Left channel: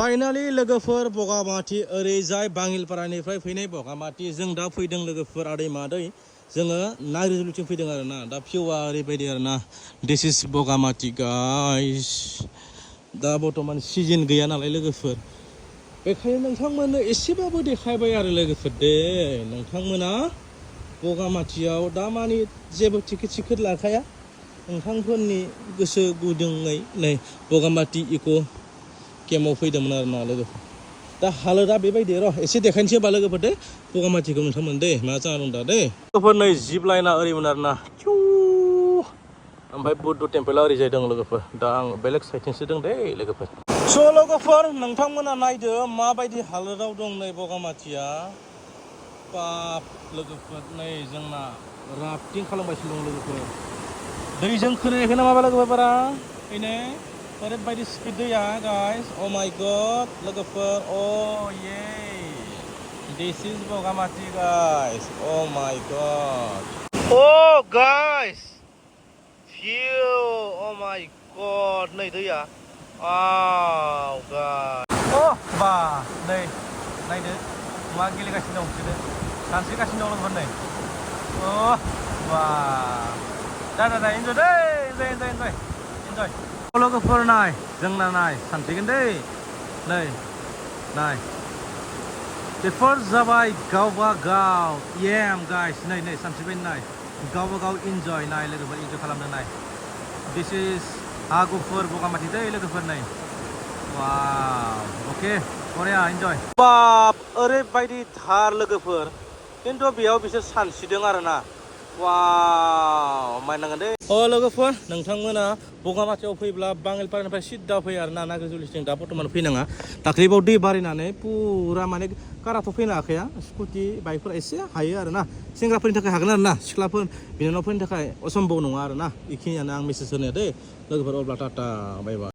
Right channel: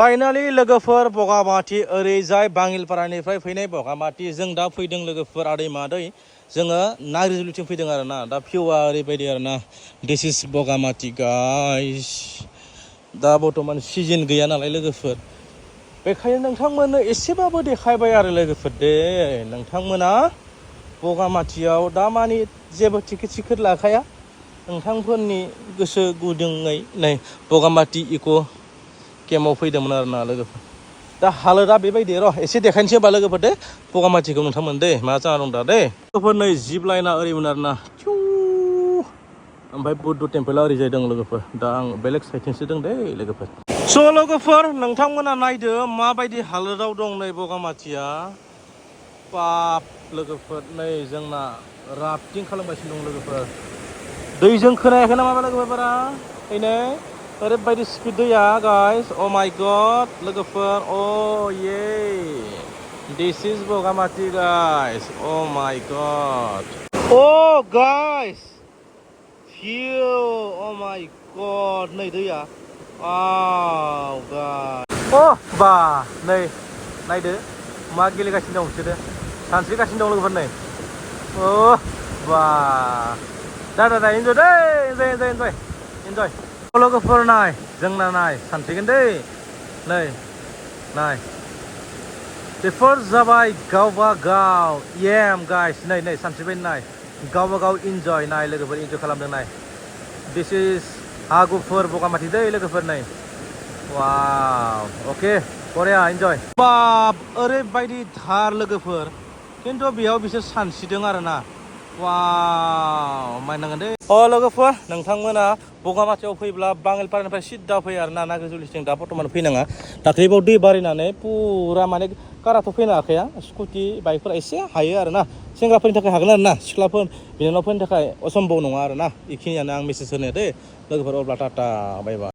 finally लोगोफोर बगामाटी ओरैजाय बाङिलपारानिफ्राय फैनाय बगामाटी जों दा फैदों लोगोफोर आदै मादै जोङो नाग्रिजुलिथिं फैदों आरोना दा भिउआ ओरैबायदि आरोना दिस इज बगामाटी गाइस दा बर्तमान सिजन गैया नालाय लोगोफोर बेखायनो नोंथांमोननो एसेबाबो देखायबाय आरो लोगोफोर दे नोंथांमोना बगामाटीयाव दा मानि जेबो टिकेट लाखाया नोंथांफोरनि गोसो गुदुङै नै बगामाटी इक' केम्पआव फैदोंमोन आरोना लोगोफोर दा हालोदा बेबायदि र' एसे देखायनोसै होमबा लोगोफोर दे बगामाटीखौ नोंथांमोन दे मा जाना दं दा दे लोगोफोर नै जिप लाइना ओरैमोन आरोना ओमफ्राय बुद्ध टेम्पला ओरैजाय दं लोगोफोर दा आं बेलेग साइडथिंसो दं दे लोगोफोर स' लोगोफोर नोंथांमोना नायदो माबायदि हालोदाव दं नै बगामाटीया बाप लोगोफोर नै जोंना राफ्टिं खालामगासिनो दं लोगोफोर दैजों खोनायाखै नामा लोगोफोर बारा ओइनो ओरैबायदि स्पिड दैया गाइस अ माय गड लोगोफोर अ ये दिस इज बगामाटी गाइस अ माय गड अ गाइस भिउ अ माय गड नै दैया वाव गाइस अ बा नै नायदो मा गेलेगासिनो दं बिसोरो सानस्रिगासिनो दं लोगोफोर नै अ बा दा इन्जय दै इन्जय लोगोफोर नाय जोंना नाय सानस्रिगोन दै नै नाय बेफोर जाबाय गावबा गाव एम गाइस नै सानस्रिबाय नाय गावबा गाव इन्जय नाय लोगोफोर इन्जय खालामदों नाय दिस इज हागुफुर बगामाटी दै लोगोफोर नै वाव अके बरिया इन्जय ओरैबायदि थार लोगोफोर खिन्थु बेयाव बिसोर सानस्रिदों आरोना अ लोगोफोर नोंथांमोना बगामाटीयाव फैब्ला बाङिलपारानिफ्राय सिद्दा फै आरोना नाग्रिजुलिथिं दा बर्तमान फैनाङा दाख्लैबाव दै बारिनानै पुरा माने काराथ' फैनो हाखाया स्कुटि बाइकफोरा एसे हायो आरोना सेंग्राफोरनि थाखाय हागोन आरोना सिख्लाफोर बिनानावफोरनि थाखाय असम्भव नङा आरोना बेखिनियानो आं मेसेज होनाया दे लोगोफोर अब्ला टाटा बाय बाय